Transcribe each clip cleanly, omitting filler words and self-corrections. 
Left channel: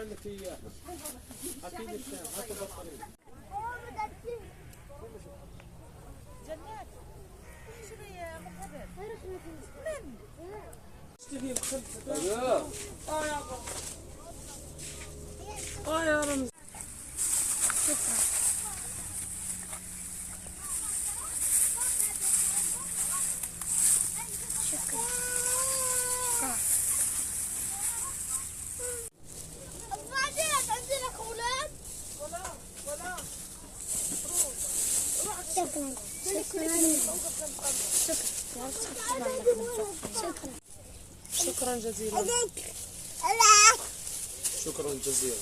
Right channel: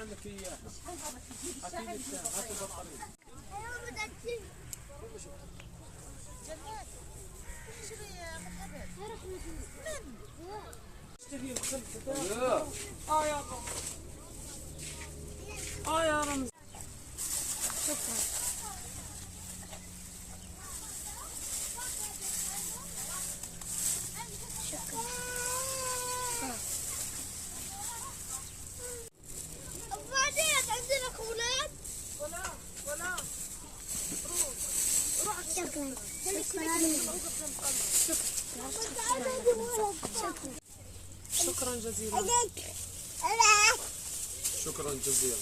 نشحن لك اياها. هاتي لي الشاي، هاتي البطارية. جنات اشتري مخبز من اشتهي الخلفة. يا رمز. شكرا. شكرا جزيلا. شكرا جزيلا.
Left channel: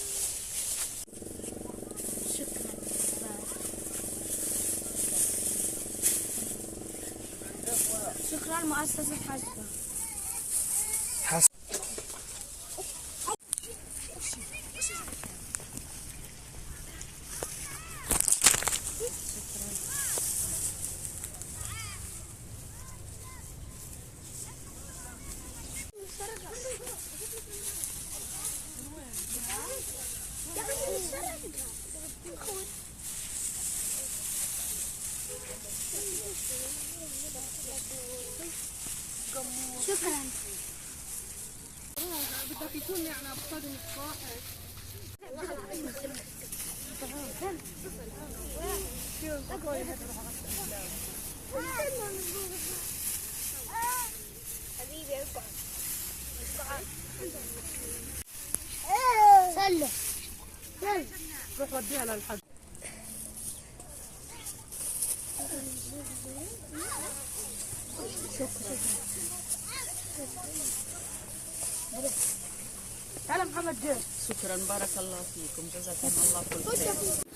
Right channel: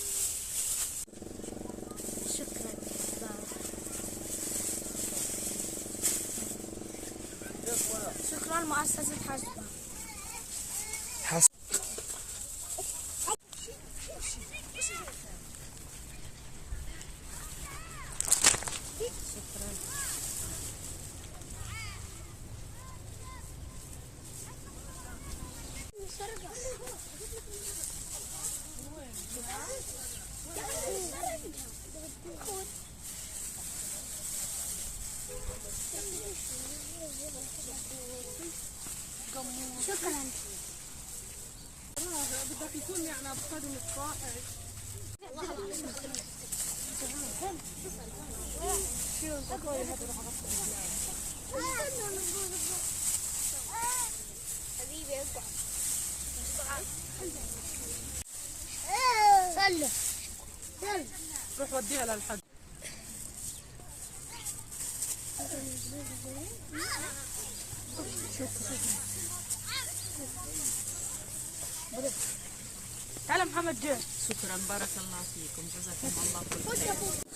شكرا مؤسسة حسبة. شكرا. بدك يكون يعني بقدم الصاحب. حبيبي اقعد. صلوا. روح وديها للحد. تعال محمد جاي. شكرا بارك الله فيكم جزاكم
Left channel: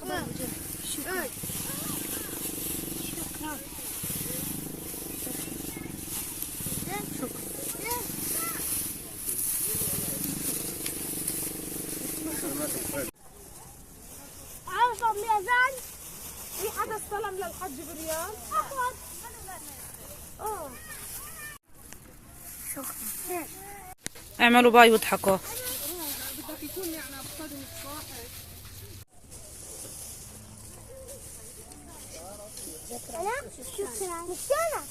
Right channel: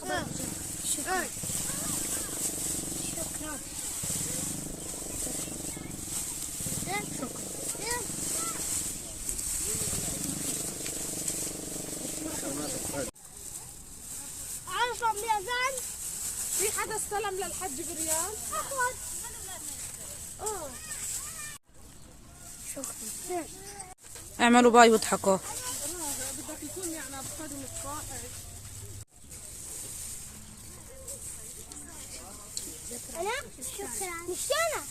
الله خير. شكرا. عارفة الميزان؟ في حدا استلم للحج بريال؟ اخذ. شكرا. اعملوا باي واضحكوا. بدك يكون يعني بقدم الصاحب. أنا؟ شكرا. مش أنا.